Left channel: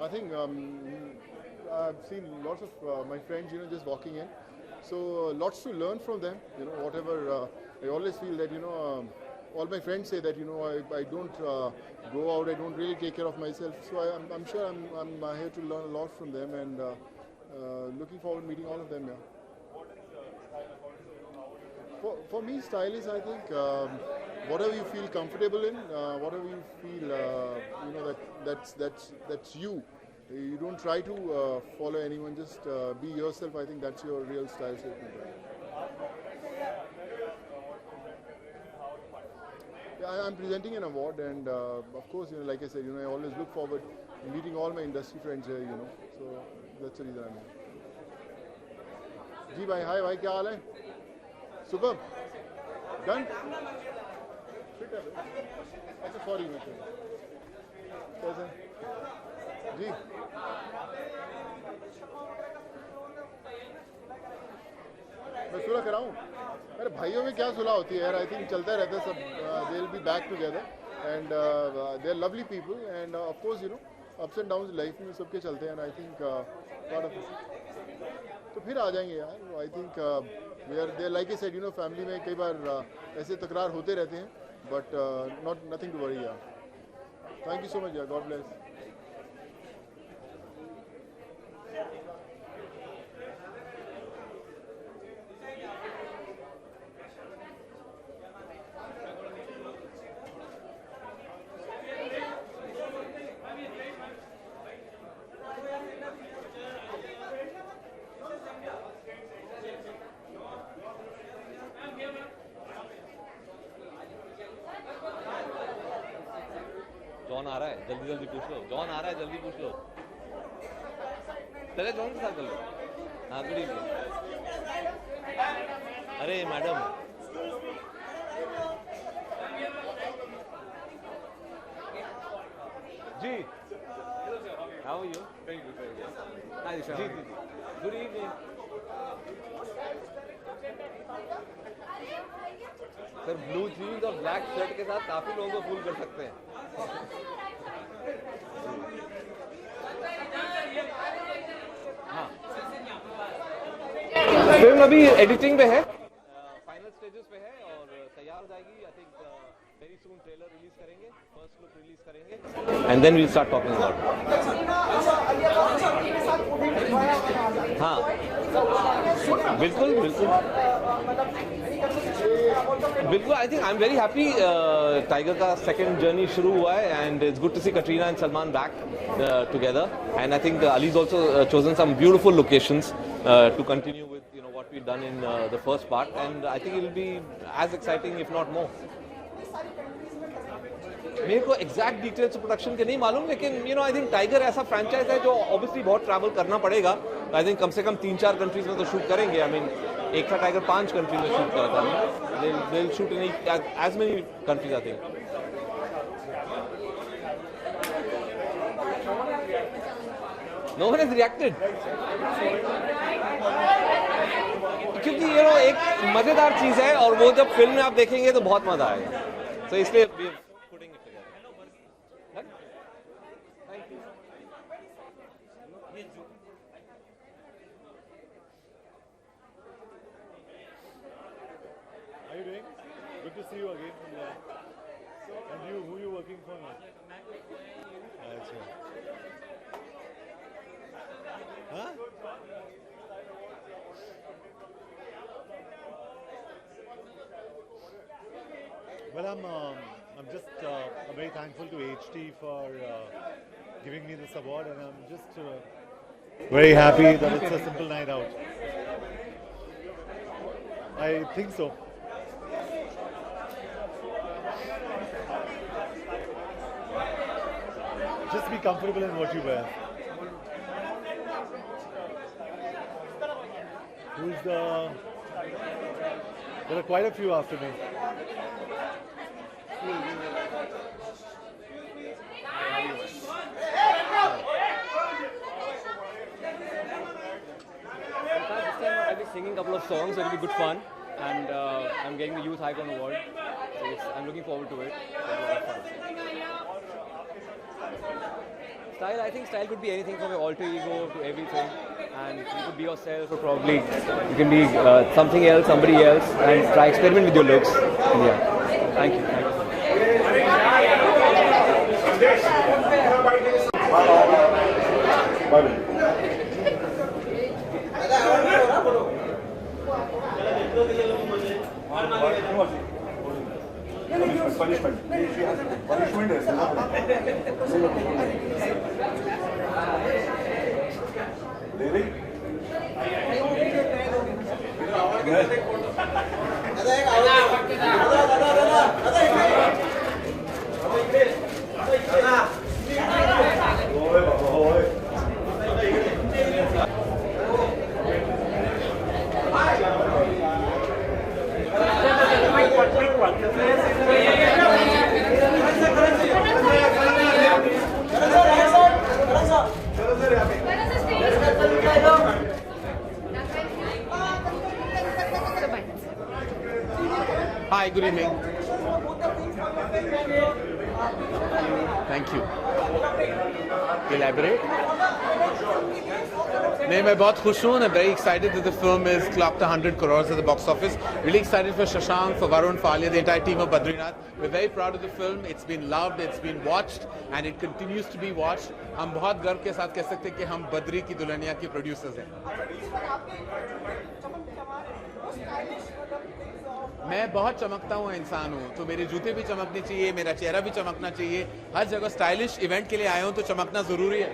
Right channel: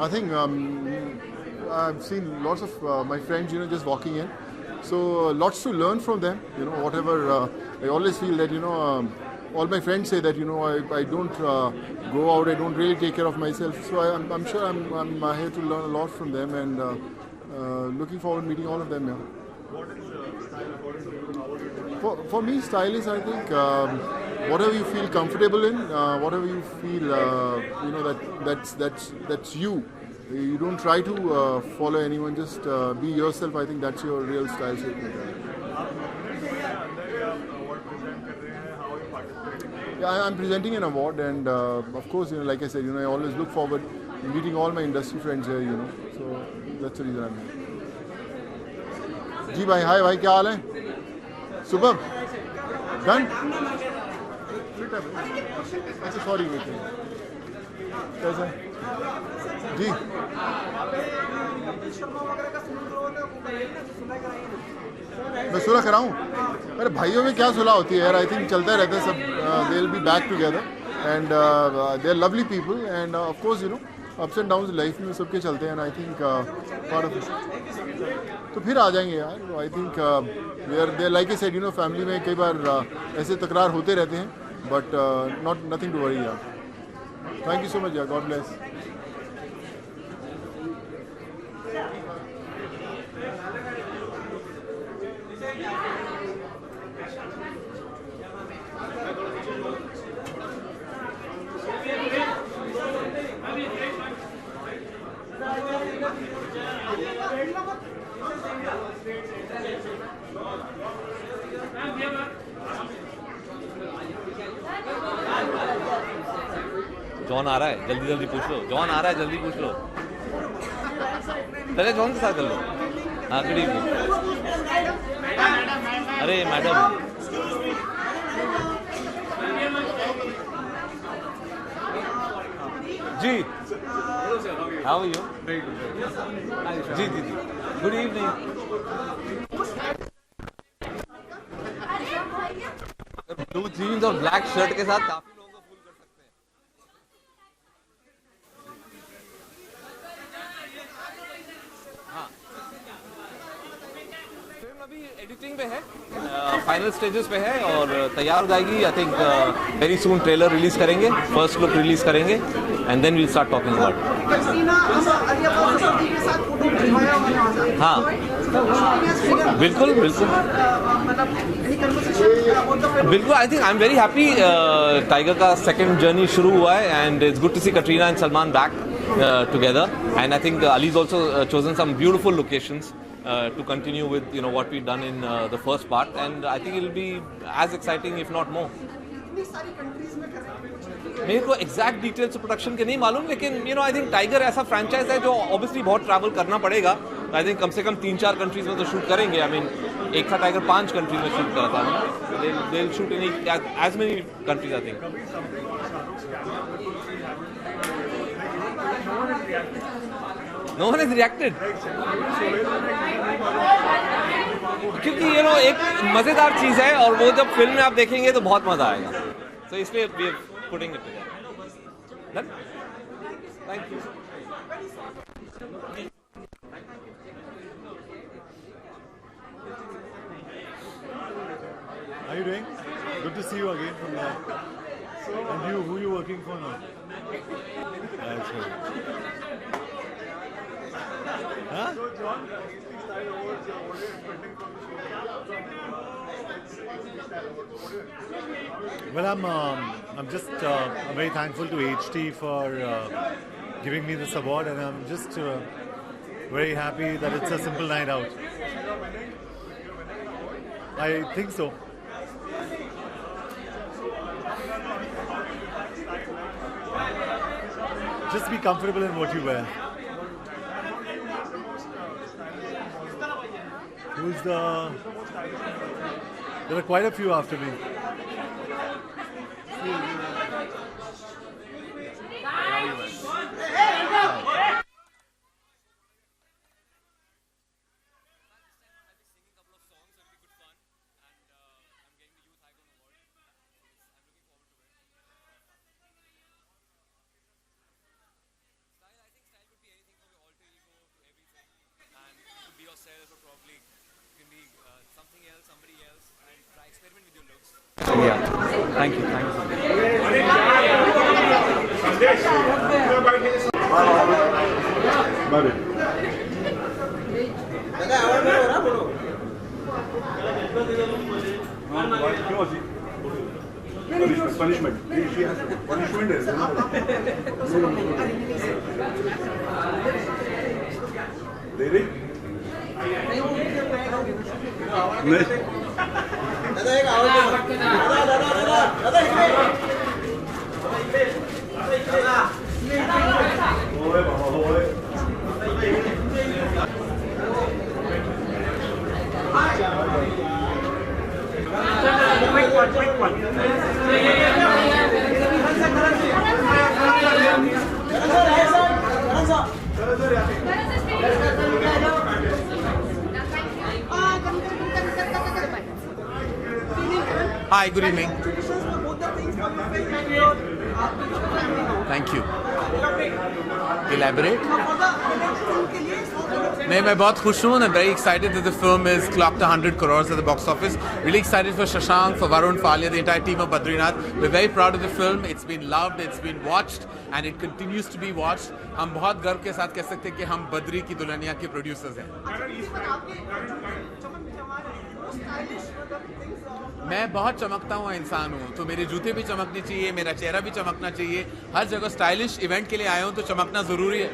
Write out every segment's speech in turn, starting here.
I think I've seen lots of my friends, just walking in. So lots to learn from them. Whatever I always feel that all my friends say that I don't go out. I don't really take care of myself. So I'm sure I'm here to learn a lot from them, and looking forward to meeting all of them. Yeah. What is style according to you? How would you define? For me, style is, I think, whatever you feel comfortable in, whatever you feel, that's you. You don't try to follow anyone. Just be yourself. I think that's your real style. Yeah, I'm presenting an award, and of course, like I said, I always look forward to meeting all my industry friends here. So that's the reason I'm here. जी भाई, हाय भाई, क्या हाल है? सुबह done? अच्छा, sorry बेटे, कैसे जी? मैं सुलह कराऊँ? अरे भाइयों में क्या सुलह होती है यार. आई थिंक चलता रहता है सब. They will be back together, and they are lovely people, and of course ups and downs life में सबके चलते हैं. आई थिंक पार्ट ऑफ तो फिर आ जाएंगे यार. I think there like I said, family में कई बार ऐसे तकरार होते रहते हैं, बट नथिंग टू वरी यार. थैंक यू सो मच यार. God bless. जॉन आ रहा है, जल्दी जल्दी पूछ लो. जॉन आ रहा है, जल्दी पूछ लो. पहले जॉन के साथ कर लो. हाँ, गुड इवनिंग. अरे मैडम, जी हाउ आर यू? जी जी जी, good evening. Sir, blue jeans और ब्लैक शर्ट के साथ काफी लोगों को फूल कर सकते हैं. फिल्म अभी एडिटिंग पे है, फाइनल स्टेजेस पे है और तैयार हो जाएगी. I think very soon trailer release करेंगे, फर्स्ट लुक रिलीज करेंगे, and then will start talking about. हाँ बिल्कुल बिल्कुल बिल्कुल. I think I am very happy. Tiger का सेकंड जर्नी शुरू हुआ है, and it's good to see Katrina and Salman back together, and I think Ali's also chosen some beautiful locations to continue with what we've done in the first part, and I think it'll be as exciting if not more. मेरे को exact details production के नहीं मालूम, लेकिन I think tiger ऐसा franchise है जो obviously बहुत ट्रैवल करना पड़ेगा. आई थिंक कम से कम 3-4 कंट्रीज में तो शूट करेंगे. आई मीन एक था टाइगर 5 कंट्रीज में शूट करता था. They will shoot in as many countries I think. No one has reacted. क्योंकि एक मजेदार चीज है, और वो जब फिल्म में आप देखेंगे तो बहुत मजा आएगा. तो इसलिए we are putting it together. Done? Thank you. How are you doing? Good to see you again from there. And you, who are you working for now? That's good. Huh? So John, style awards, what are you expecting from the show? Well, I'm just very thankful to HT for giving me this award, and I'm just very happy that it's a simple night out. I think so. Just be comfortable in what you wear. There are quite a few after me. I'll be singing a couple of songs, so it'll be good fun, and I'm getting the Youth Icon Award, so I'm looking forward to it. It's a lot of fun. Style, I think style could be anything from your alter ego to everything, and you could be yourself, or probably you can be something else, somebody else, and try experiment with your looks. Thank you. Punishment. She has punishment is, Devi? Hi, good evening. Thank you. Elaborate? नहीं, मैं बहुत खुश हूँ. I'm very excited that the film is clocked 100 crores at the box office. Really excited for Shashank, for Varun, for Alia, the entire team of Badrinath. We're very proud of the film. It's been loved, it's been watched, and it continues to be watched. हम बहुत गर्व के साथ कह सकते हैं कि हम बद्री की दुल्हनिया के प्रोड्यूसर्स हैं. मैं बहुत चमकता हुआ इंसान हूँ, तो मेरे जूते भी चमकने चाहिए, मेरा चेहरा भी चमकना चाहिए. हर जगह स्टाइलिश इवेंट के लिए आया हूँ तो चमकना जरूरी है.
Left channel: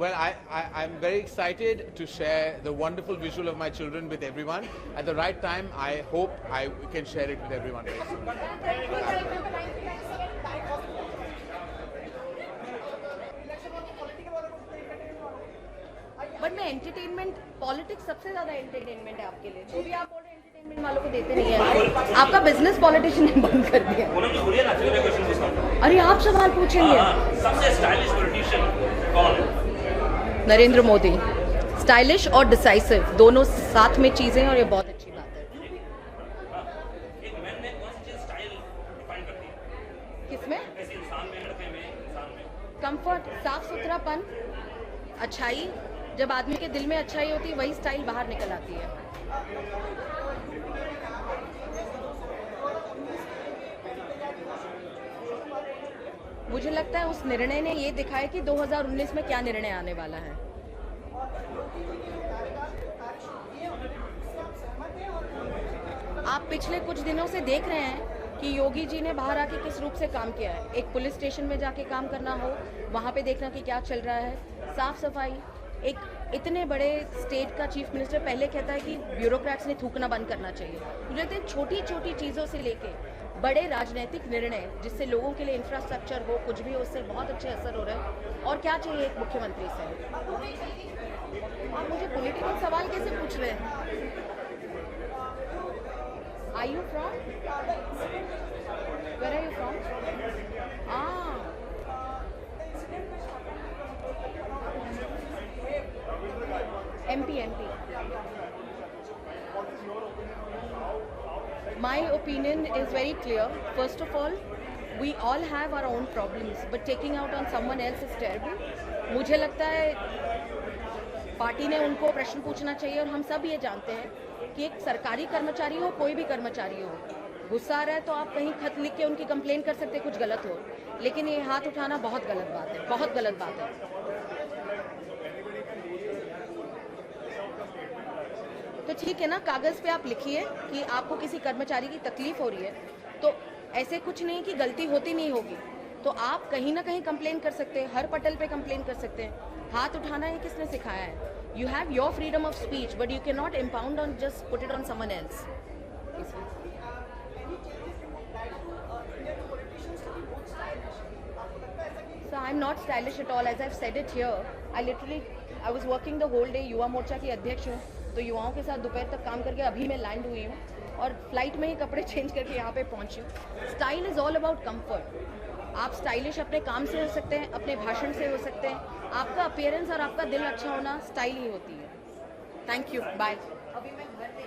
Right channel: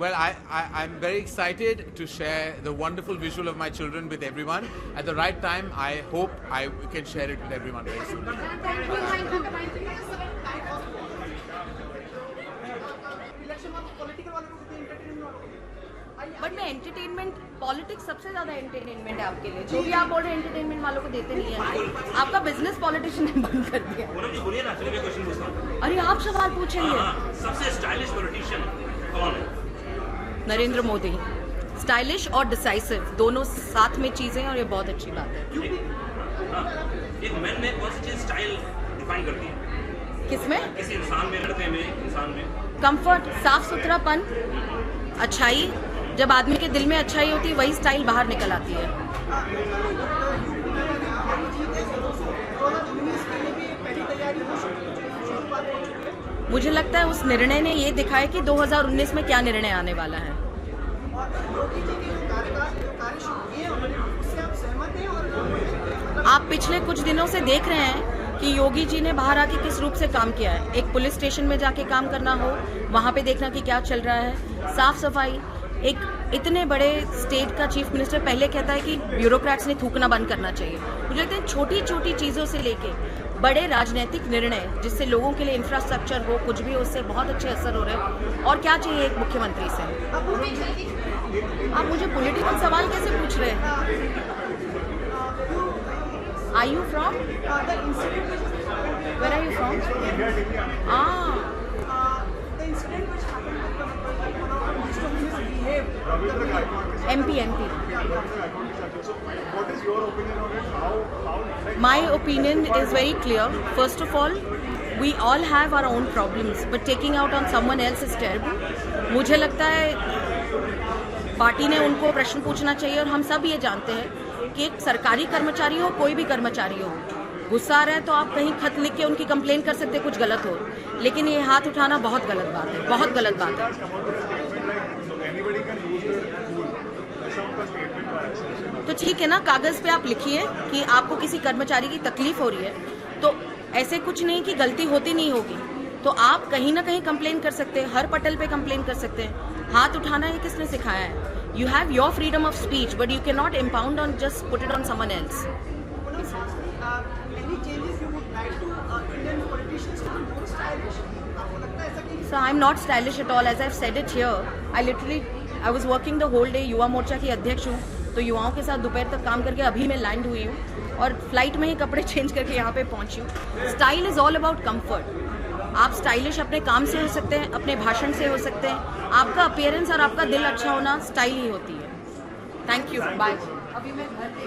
Well, I'm very excited to share the wonderful visual of my children with everyone. At the right time, I hope I can share it with everyone very soon. But में entertainment politics सबसे ज्यादा entertainment है आपके लिए. जो भी आप बोल रहे हैं एंटरटेनमेंट वालों को देते रहिए. आपका बिजनेस पॉलिटिशियन बंद कर दिया. अरे आप सवाल पूछेंगे. सबसे स्टाइलिश पॉलिटिशियन कौन है? नरेंद्र मोदी. स्टाइलिश और डिसाइसिव दोनों साथ में चीजें हैं और ये बहुत अच्छी बात है. एक मैन में कौन सी चीज स्टाइल डिफाइन करती है? किसमें? किसी इंसान में, लड़के में, इंसान में? कंफर्ट, साफ सुथरापन, अच्छाई. जब आदमी के दिल में अच्छाई होती है वही स्टाइल बाहर निकल आती है. मुझे लगता है उस निर्णय ने ये दिखाया कि 2019 में क्या निर्णय आने वाला है. आप पिछले कुछ दिनों से देख रहे हैं कि योगी जी ने बाहर आके किस रूप से काम किया है. एक पुलिस स्टेशन में जाके काम करना हो, वहाँ पे देखना कि क्या चल रहा है, साफ सफाई. एक इतने बड़े स्टेट का चीफ मिनिस्टर पहले कहता है कि ब्यूरोक्रेट्स ने थूकना बंद करना चाहिए. मुझे लगता है छोटी छोटी चीज़ों से लेके बड़े राजनीतिक निर्णय जिससे लोगों के लिए इंफ्रास्ट्रक्चर हो, कुछ भी हो, उससे बहुत अच्छे असर हो रहे हैं. और क्या चाहिए एक मुख्यमंत्री से? आप मुझे पॉलिटिकल सवाल कैसे पूछ रहे हैं? Are you from? Where are you from? The incident which happened with one of the minister who misbehaved. MP. So, what is your opinion on it? How My opinion is very clear. First of all, we all have our own problems, but taking out on someone else is terrible. मुझे लगता है party ने उनको प्रश्न पूछना चाहिए. और हम सब ये जानते हैं कि एक सरकारी कर्मचारी हो, कोई भी कर्मचारी हो, गुस्सा आ रहा है तो आप कहीं खत लिख के उनकी कंप्लेन कर सकते हैं कुछ गलत हो. लेकिन ये हाथ उठाना बहुत गलत बात है, बहुत गलत बात है. तो ठीक है ना, कागज़ पे आप लिखिए कि आपको किसी कर्मचारी की तकलीफ हो रही है, तो ऐसे कुछ नहीं कि गलती होती नहीं होगी, तो आप कहीं ना कहीं कंप्लेन कर सकते हैं, हर पटल पे कंप्लेन कर सकते हैं. हाथ उठाना ये किसने सिखाया है? You have your freedom of speech, but you cannot impound on just put it on someone else. Any changes you would like to Indian politicians to be more stylish? आपको लगता है ऐसा कि? So I'm not stylish at all. As I've said it here, I was working the whole day. Yuva Morcha की अध्यक्ष हूँ, तो युवाओं के साथ दोपहर तक काम करके अभी मैं लैंड हुई हूँ और फ्लाइट में ही कपड़े चेंज करके यहाँ पे पहुँची हूँ. Style is all about comfort. आप स्टाइलिश अपने काम से हो सकते हैं, अपने भाषण से हो सकते हैं. आपका अपीयरेंस और आपका दिल अच्छा होना स्टाइल ही होती है. Thank you. बाय. अभी मैं घर पे